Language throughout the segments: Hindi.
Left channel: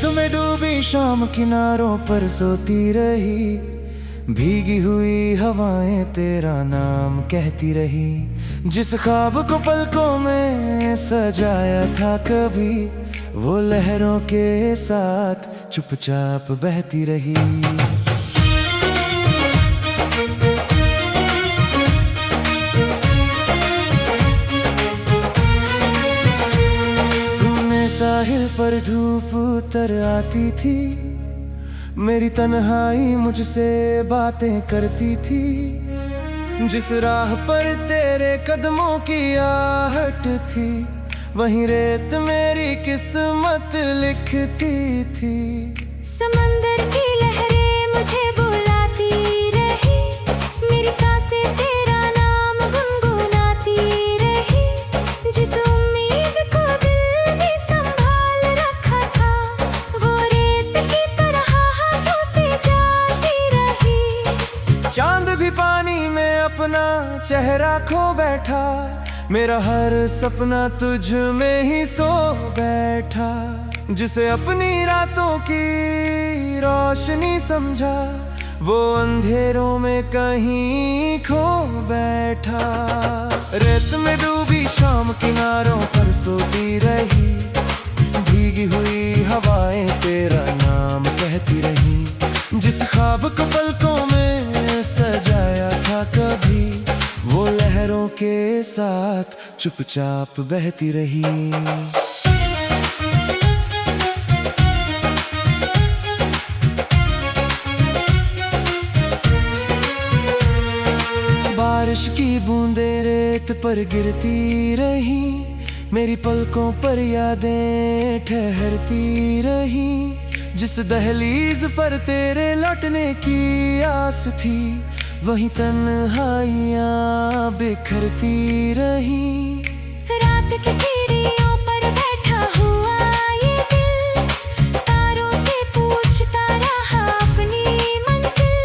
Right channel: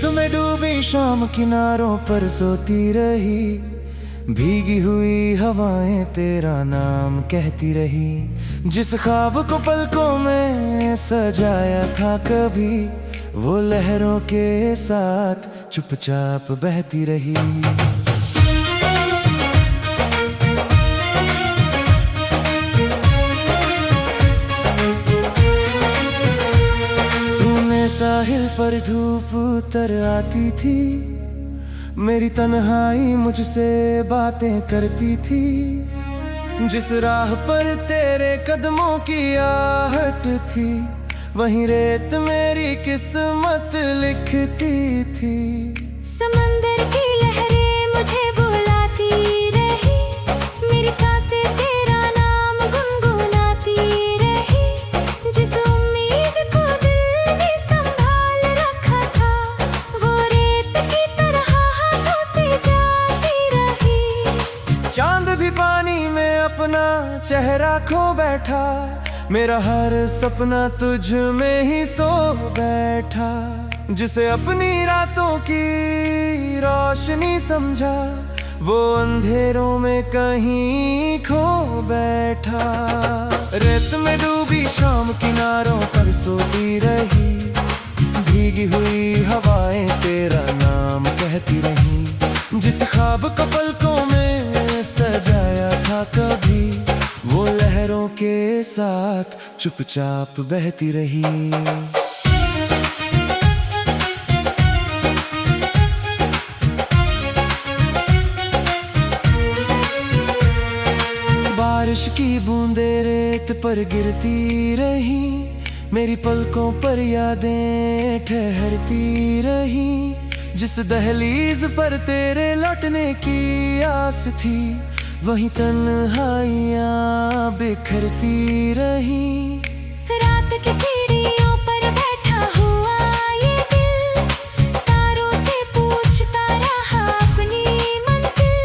रेत में डूबी शाम किनारों पर सोती रही, भीगी हुई हवाएं तेरा नाम कहती रही। जिस ख्वाब को पलकों में सजाया था कभी, वो लहरों के साथ चुपचाप बहती रही। सूने साहिल पर धूप उतर आती थी, मेरी तन्हाई मुझसे बातें करती थी। जिस राह पर तेरे कदमों की आहट थी, वहीं रेत मेरी किस्मत लिखती थी। समंदर की लहरें मुझे बुलाती रही, मेरी सांसें तेरा नाम गुनगुनाती रही। जिस उम्मीद को दिल में संभाल रखा था, वो रेत की तरह हाथों से जाती रही। चांद भी पानी में अपना चेहरा खो बैठा, मेरा हर सपना तुझ में ही सो बैठा। जिसे अपनी रातों की रोशनी समझा, वो अंधेरों में कहीं खो बैठा। रेत में डूबी शाम किनारों पर सोती रही, भीगी हुई हवाएं तेरा नाम कहती रही। जिस ख्वाब को पलकों में सजाया था कभी, वो लहरों के साथ चुपचाप बहती रही। बारिश की बूंदें रेत पर गिरती रही, मेरी पलकों पर यादें ठहरती रही। जिस दहलीज पर तेरे लौटने की आस थी, वहीं तन्हाइयाँ बिखरती रही। रात की सीढ़ियों पर बैठा हुआ ये दिल, तारों से पूछता रहा अपनी मंजिल।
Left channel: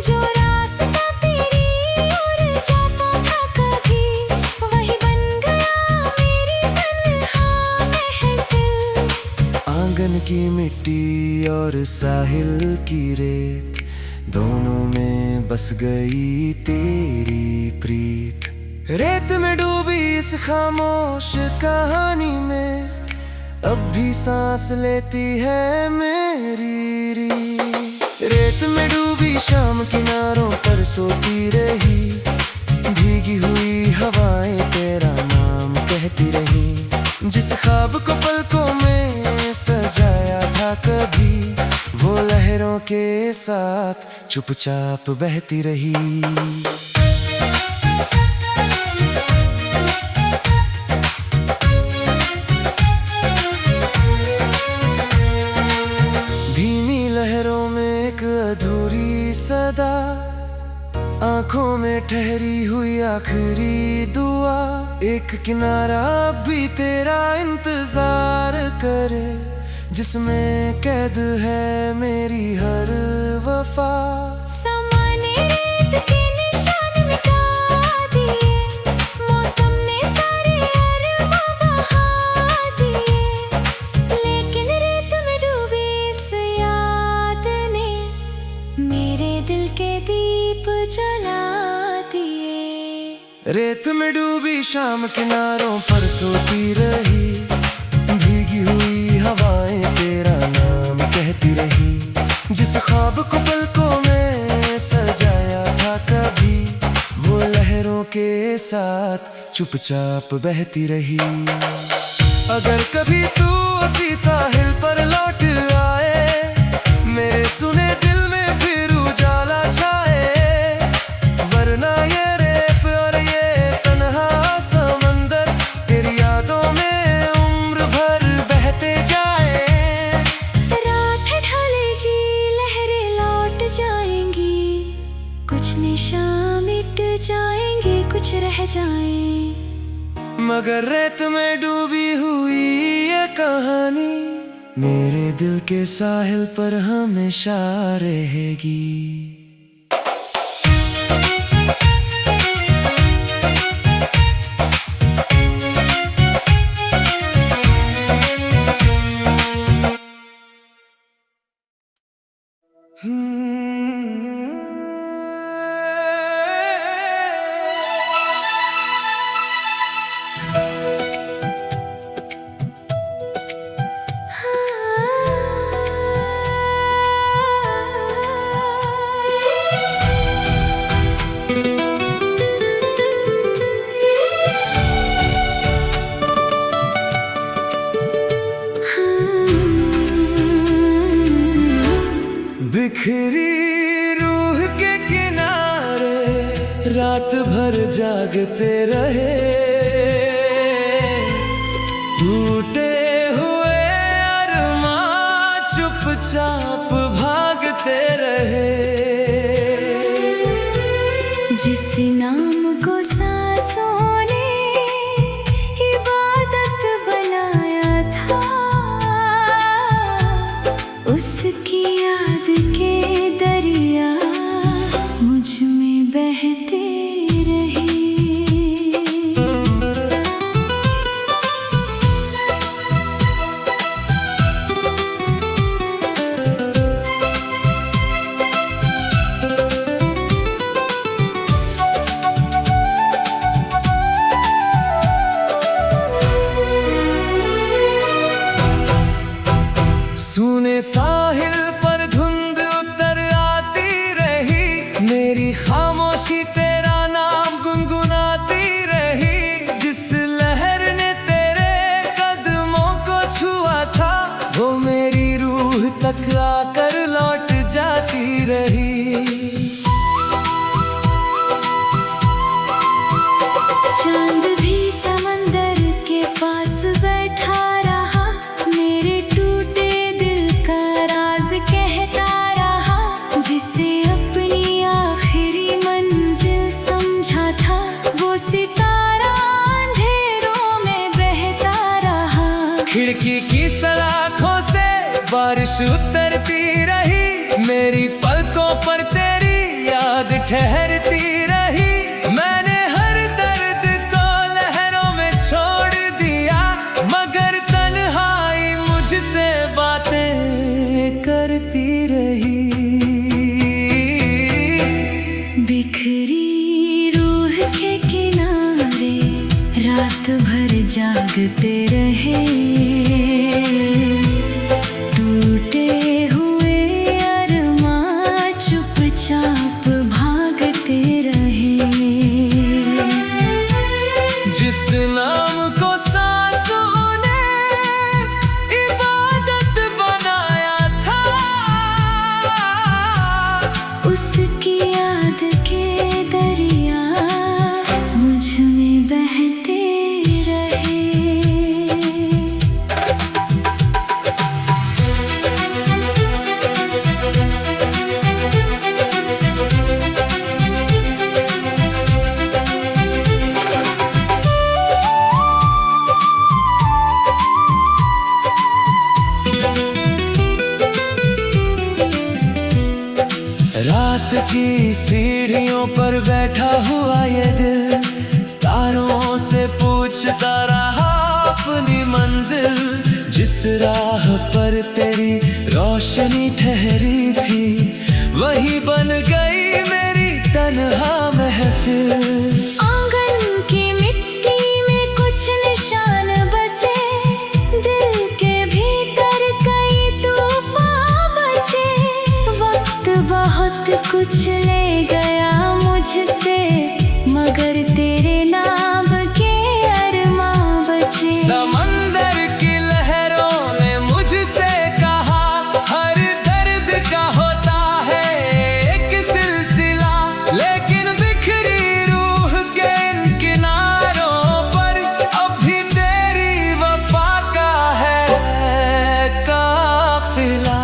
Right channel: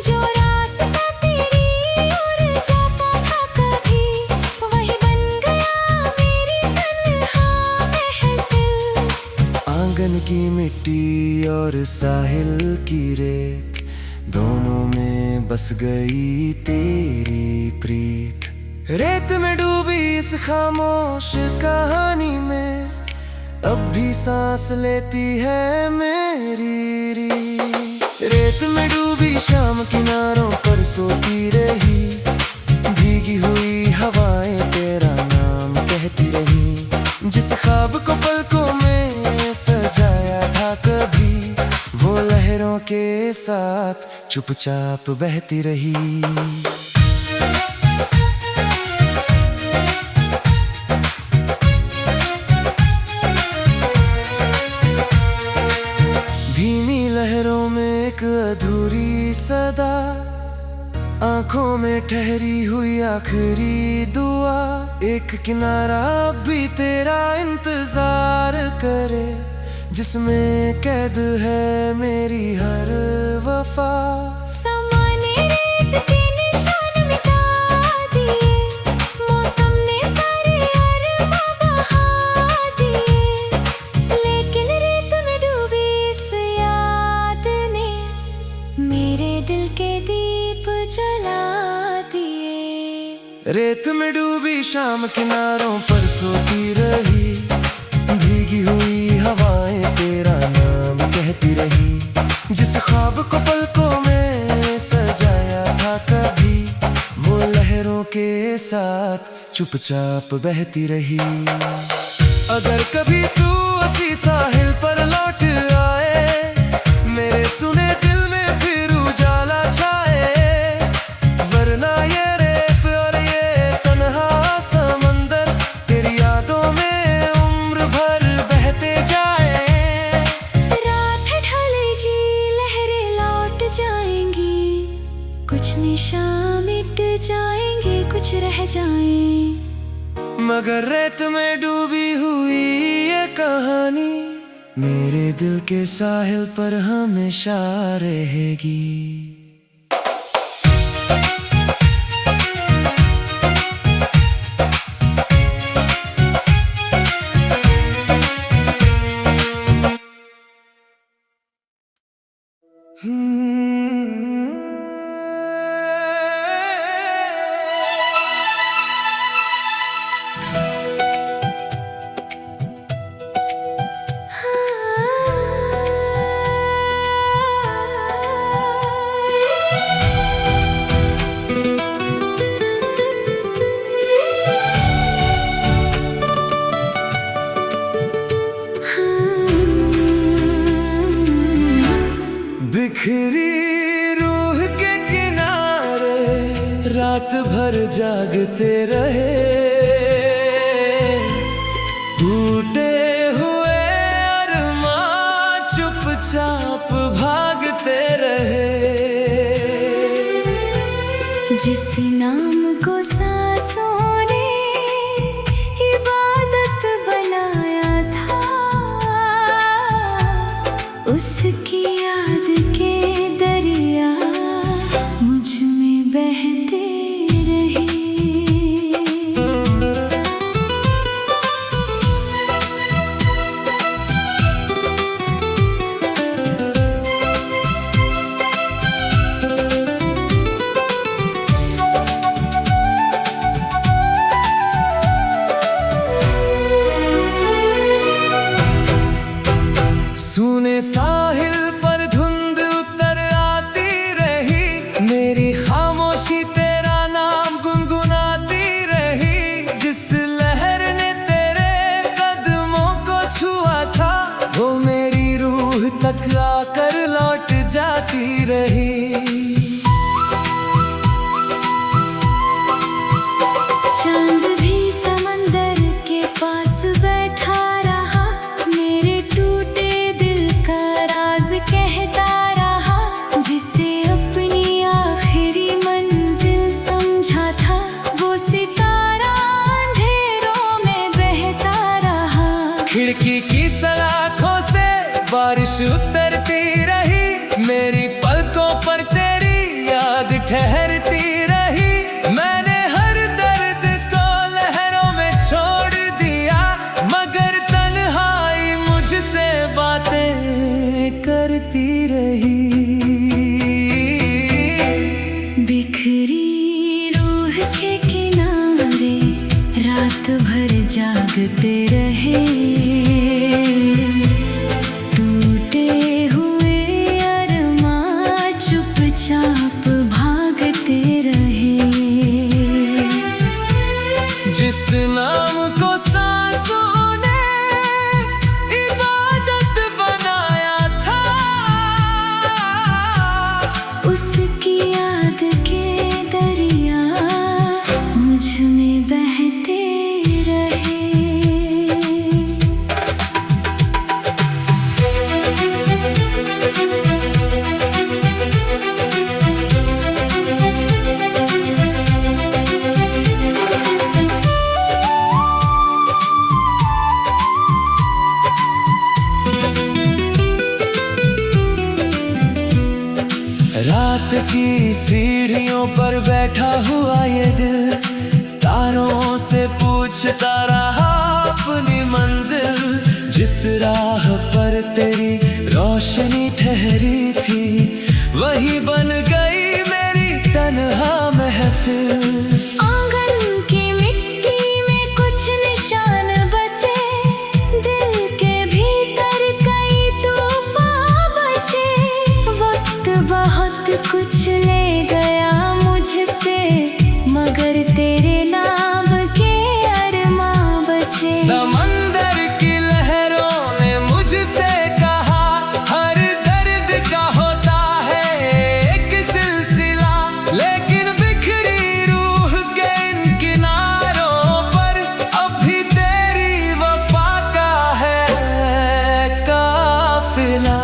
जो रास्ता तेरी ओर जाता था कभी, वही बन गया मेरी तन्हा महफिल। आंगन की मिट्टी और साहिल की रेत, दोनों में बस गई तेरी प्रीत। रेत में डूबी इस खामोश कहानी में, अब भी सांस लेती है मेरी रीत। रेत में डूबी शाम किनारों पर सोती रही, भीगी हुई हवाएं तेरा नाम कहती रही। जिस ख्वाब को पलकों में सजाया था कभी, वो लहरों के साथ चुपचाप बहती रही। धीमी लहरों में एक अधूरी सदा, आंखों में ठहरी हुई आखिरी दुआ। एक किनारा अब भी तेरा इंतजार करे, जिसमें कैद है मेरी हर वफा। समाने रेत के निशान मिटा दिए, मौसम ने सारे अरमां बहा दिए। लेकिन रेत में डूबी इस याद ने मेरे दिल के दीप जला दिए। रेत में डूबी शाम किनारों पर सोती रही, भीगी हुई हवाएं तेरा नाम कहती रही। जिस ख्वाब को पलकों में सजाया था कभी, वो लहरों के साथ चुपचाप बहती रही। अगर कभी तू उसी साहिल पर लौट आए, मेरे सुने दिल में फिर उजाला छाए। वरना ये रेत और ये तन्हा समंदर तेरी यादों में उम्र भर बहते जाए। रात ढलेगी, लहरें लौट जाएंगी, कुछ निशान मिट जाएंगे, कुछ रह जाएं। मगर रेत में डूबी हुई ये कहानी मेरे दिल के साहिल पर हमेशा रहेगी। बिखरी रूह के किनारे रात भर जागते रहे, टूटे हुए अरमां चुपचाप भागते रहे। जिस नाम को सांसों ने इबादत बनाया था, उसकी याद के दरिया मुझ में बहते रहे। सूने साहिल पर धुंध उतर आती रही, मेरी खामोशी तेरा नाम गुनगुनाती रही। जिस लहर ने तेरे कदमों को छुआ था, वो मेरी रूह तक आकर लौट जाती रही। चांद भी समंदर के पास बैठा रहा, मेरे टूटे दिल का राज कहता रहा। जिसे अपनी आखिरी मंजिल समझा था, वो सितारा अंधेरों में बहता रहा। खिड़की की सलाखों से बारिश उतरती रही, मेरी पलकों पर तेरी याद ठहरती रही। मैंने हर दर्द को लहरों में छोड़ दिया, मगर तन्हाई मुझसे बातें करती रही। बिखरी रूह के किनारे रात भर जागते रहे, टूटे हुए अरमां चुपचाप भागते रहे। जिस नाम को सांसों ने इबादत बनाया था, उसकी याद के दरिया मुझ में बहते रहे। रात की सीढ़ियों पर बैठा हुआ ये दिल, तारों से पूछता रहा अपनी मंजिल। जिस राह पर तेरी रोशनी ठहरी थी, वही बन गई मेरी तन्हा महफिल। आंगन की मिट्टी में कुछ निशान बचे, दिल के भीतर कई तूफान बचे। वक्त बहुत कुछ ले गया मुझसे, मगर तेरे नाम के अरमां बचे। समंदर की लहरों ने मुझसे कहा, हर दर्द का होता है एक सिलसिला। लेकिन बिखरी रूह के इन किनारों पर अब भी तेरी वफा का है काफिला।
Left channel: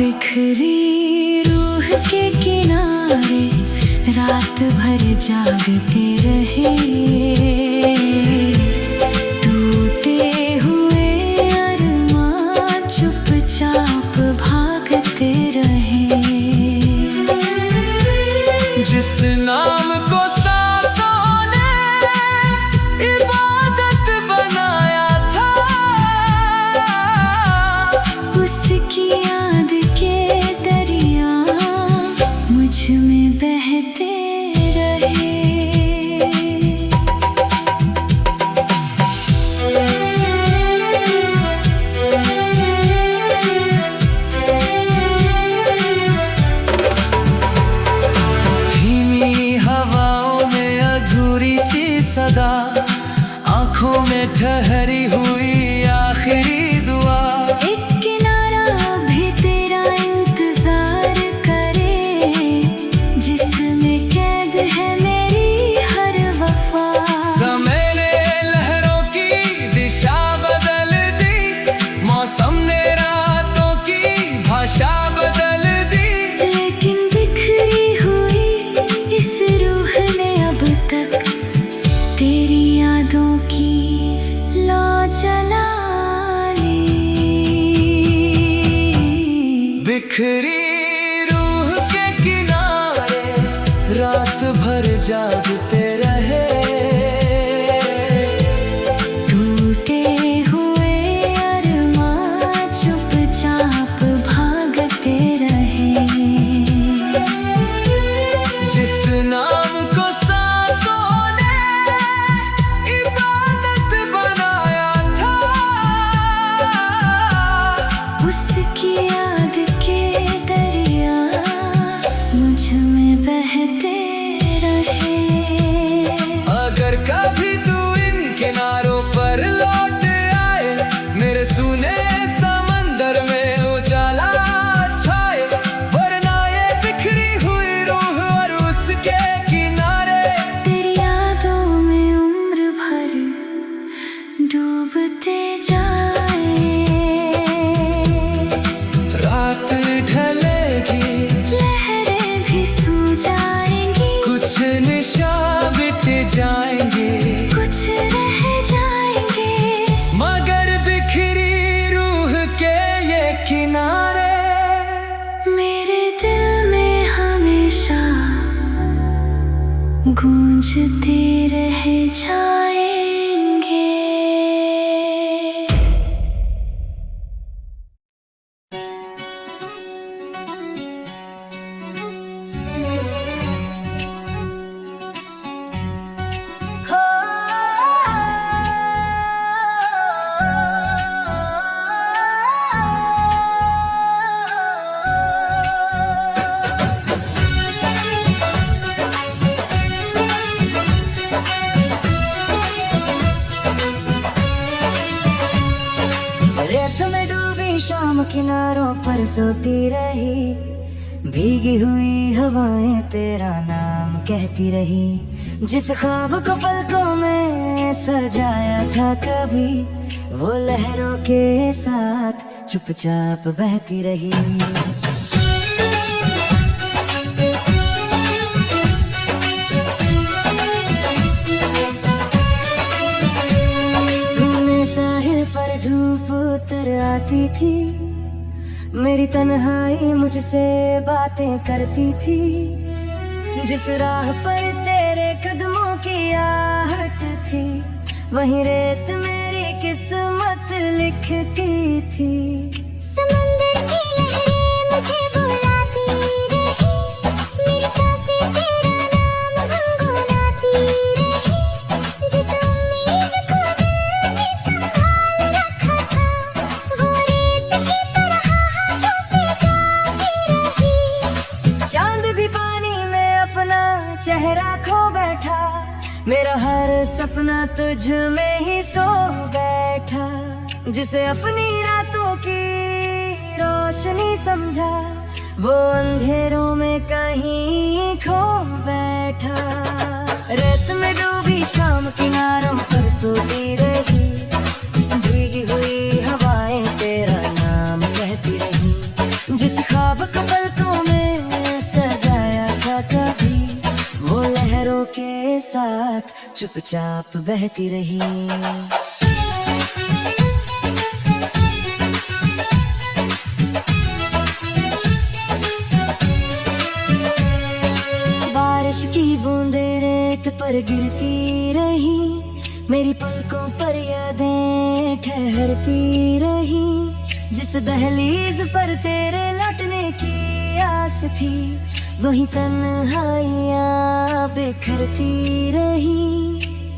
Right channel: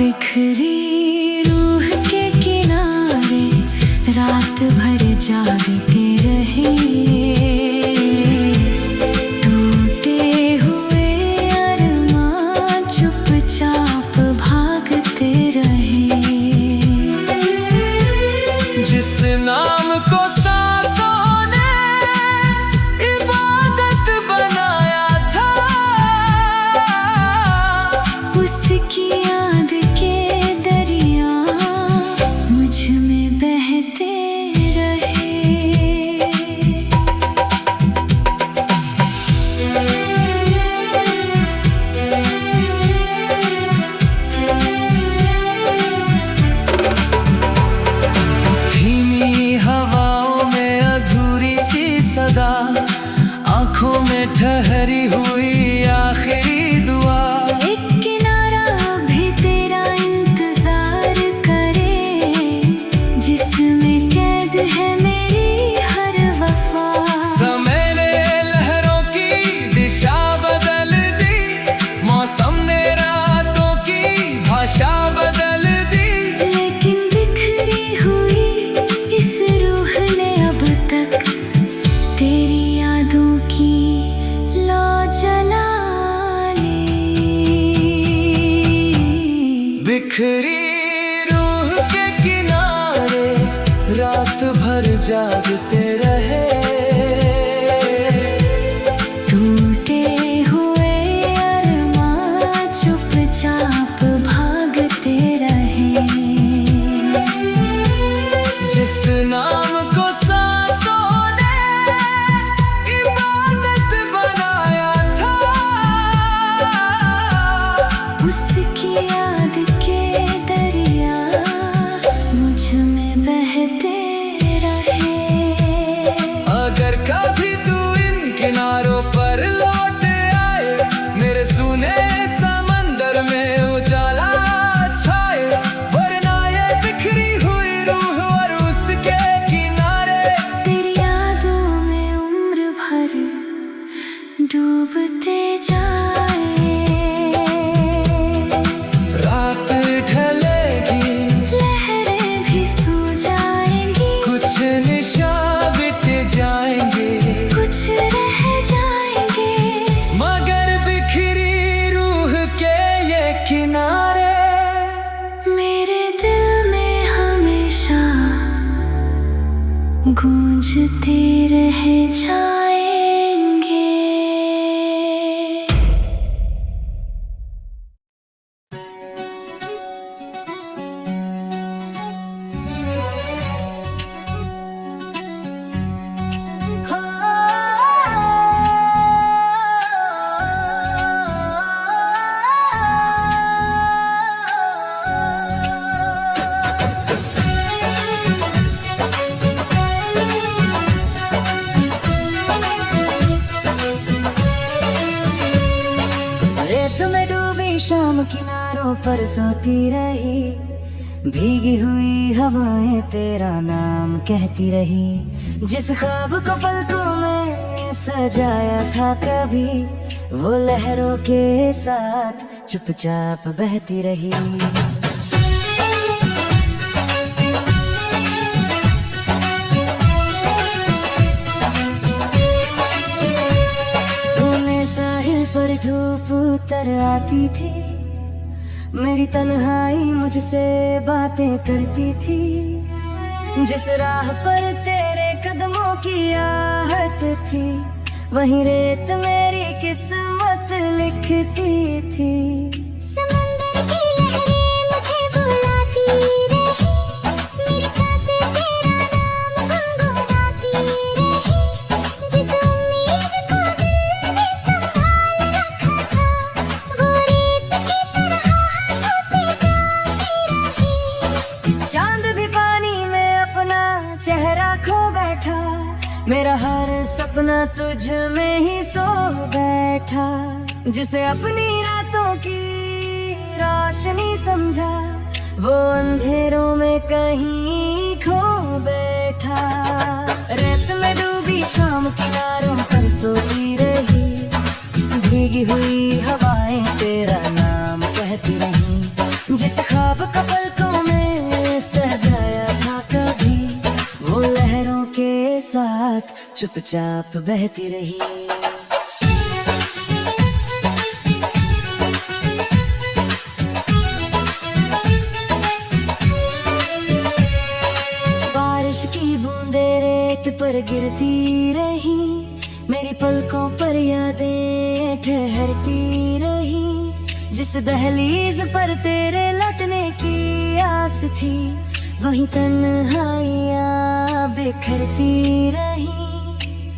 बिखरी रूह के किनारे रात भर जागते रहे, टूटे हुए अरमां चुपचाप भागते रहे। जिस नाम को सांसों ने इबादत बनाया था, उसकी में ठहरी हुई आखिरी दुआ। एक किनारा भी तेरा इंतजार करे, जिसमें कैद है मेरी हर वफा। समय ने लहरों की दिशा बदल दी, मौसम ने रातों की भाषा बदल दी, लेकिन बिखरी हुई इस रूह ने अब तक तेरी यादों की लौ जला ली। बिखरी रूह के किनारे रात भर जागते रहे, टूटे हुए अरमां चुपचाप भागते रहे। जिस नाम को सांसों ने इबादत बनाया था, उसकी याद के दरिया मुझ में बहते रहे। अगर कभी तू इन किनारों पर लौट आए, मेरे सूने समंदर में उजाला छाए, वरना ये बिखरी हुई रूह और उसके किनारे तेरी यादों में उम्र भर डूबते जाए। रात ढलेगी, लहरें भी सो जाएंगी, कुछ निशान मिट जाएंगे, कुछ रह जाएंगे, मगर बिखरी रूह के ये किनारे मेरे दिल में हमेशा गूंजते रह जाएंगे। रेत में डूबी शाम किनारों पर सोती रही, भीगी हुई हवाएं तेरा नाम कहती रही। जिस ख्वाब को पलकों में सजाया था कभी, वो लहरों के साथ चुपचाप बहती रही। सुने साहिल पर धूप उतर आती थी, मेरी तन्हाई मुझसे बातें करती थी। जिस राह पर तेरे कदमों की आहट थी, वहीं रेत मेरी किस्मत लिखती थी। समंदर की लहरें मुझे बुलाती रही, मेरी सांसें तेरा नाम गुनगुनाती रही। जिस उम्मीद को दिल ने संभाल रखा था, वो रेत की तरह हाथों से जाती रही। चांद भी पानी में अपना चेहरा खो बैठा, मेरा हर सपना तुझ में ही सो बैठा। जिसे अपनी रातों की रोशनी समझा, वो अंधेरों में कहीं खो बैठा। रेत में डूबी शाम किनारों पर सोती रही, भीगी हुई हवाएं तेरा नाम कहती रही। जिस ख्वाब को पलकों में सजाया था कभी, वो लहरों के साथ चुपचाप बहती रही। बारिश की बूंदें रेत पर गिरती रही, मेरी पलकों पर यादें ठहरती रही। जिस दहलीज पर तेरे लौटने की आस थी, वही तन्हाइयाँ बिखरती रही।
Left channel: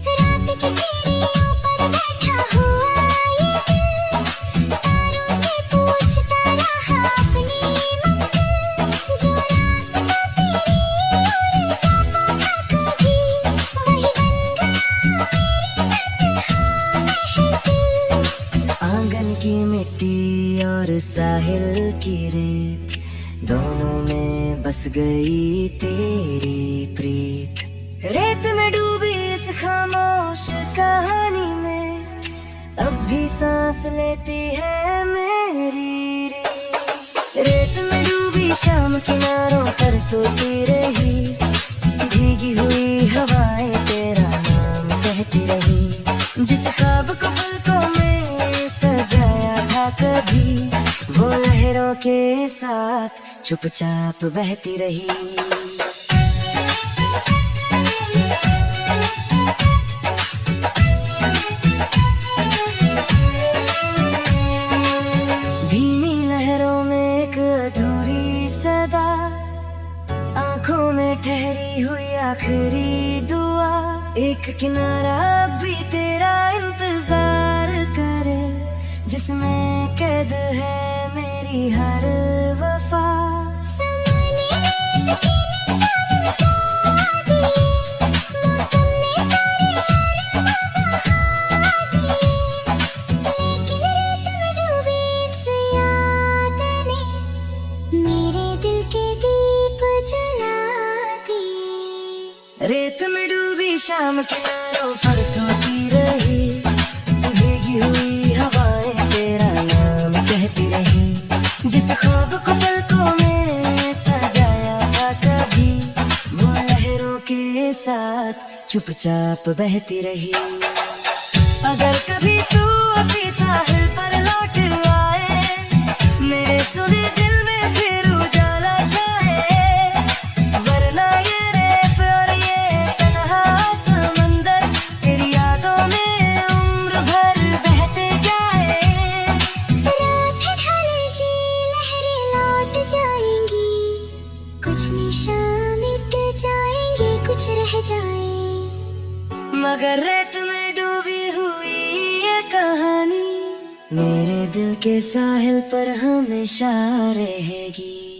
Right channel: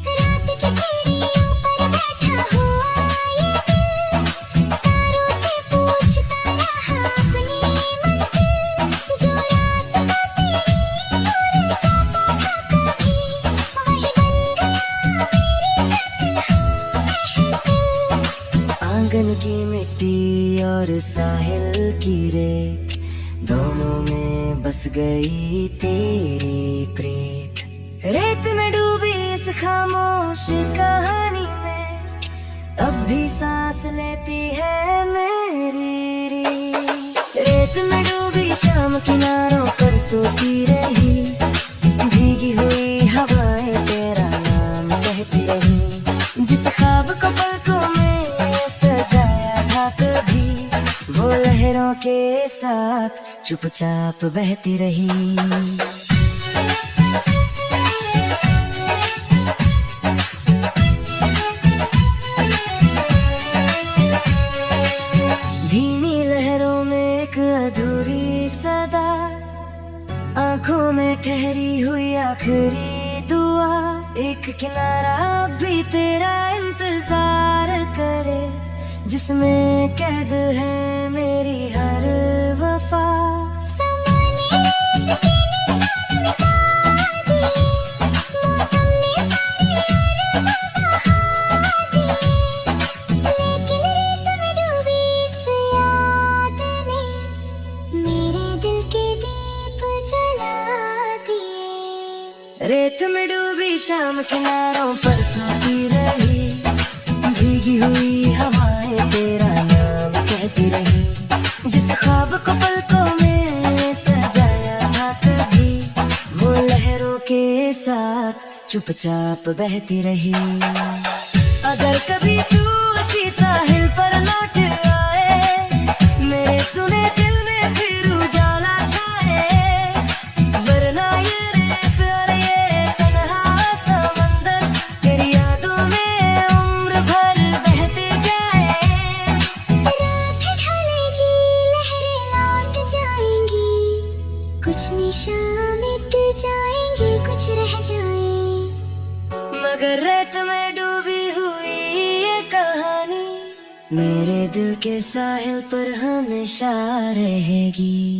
रात की सीढ़ियों पर बैठा हुआ ये दिल, तारों से पूछता रहा अपनी मंजिल। जो रास्ता तेरी ओर जाता था कभी, वही बन गया मेरी तन्हाई। और साहिल की रेत, दोनों में बस गई तेरी प्रीत। रेत में डूबी इस खामोश कहानी में, अब भी सांस लेती है मेरी रीत। रेत में डूबी शाम किनारों पर सोती रही, भीगी हुई हवाएं तेरा नाम कहती रही। जिस ख्वाब को पलकों में सजाया था कभी, वो लहरों के साथ चुपचाप बहती रही। धीमी लहरों में एक अधूरी सदा, आंखों में ठहरी हुई आखिरी दुआ। एक किनारा भी तेरा इंतजार करे, जिसमें कैद है मेरी हर वफा। रेत में डूबी शाम किनारों पर सोती रही, भीगी हुई हवाएं तेरा नाम कहती रही। जिस ख्वाब को पलकों में सजाया था कभी, वो लहरों के साथ चुपचाप बहती रही। अगर कभी तू उसी साहिल पर लौट आए, मेरे सुने दिल में फिर उजाला छाए। वरना ये रेत और ये तन्हा समंदर तेरी यादों में उम्र भर बहते जाए। रात ढलेगी, लहरें लौट जाएंगी, कुछ निशान मिट जाएंगी, कुछ रह जाएं। मगर रेत में डूबी हुई ये कहानी मेरे दिल के साहिल पर हमेशा रहेगी।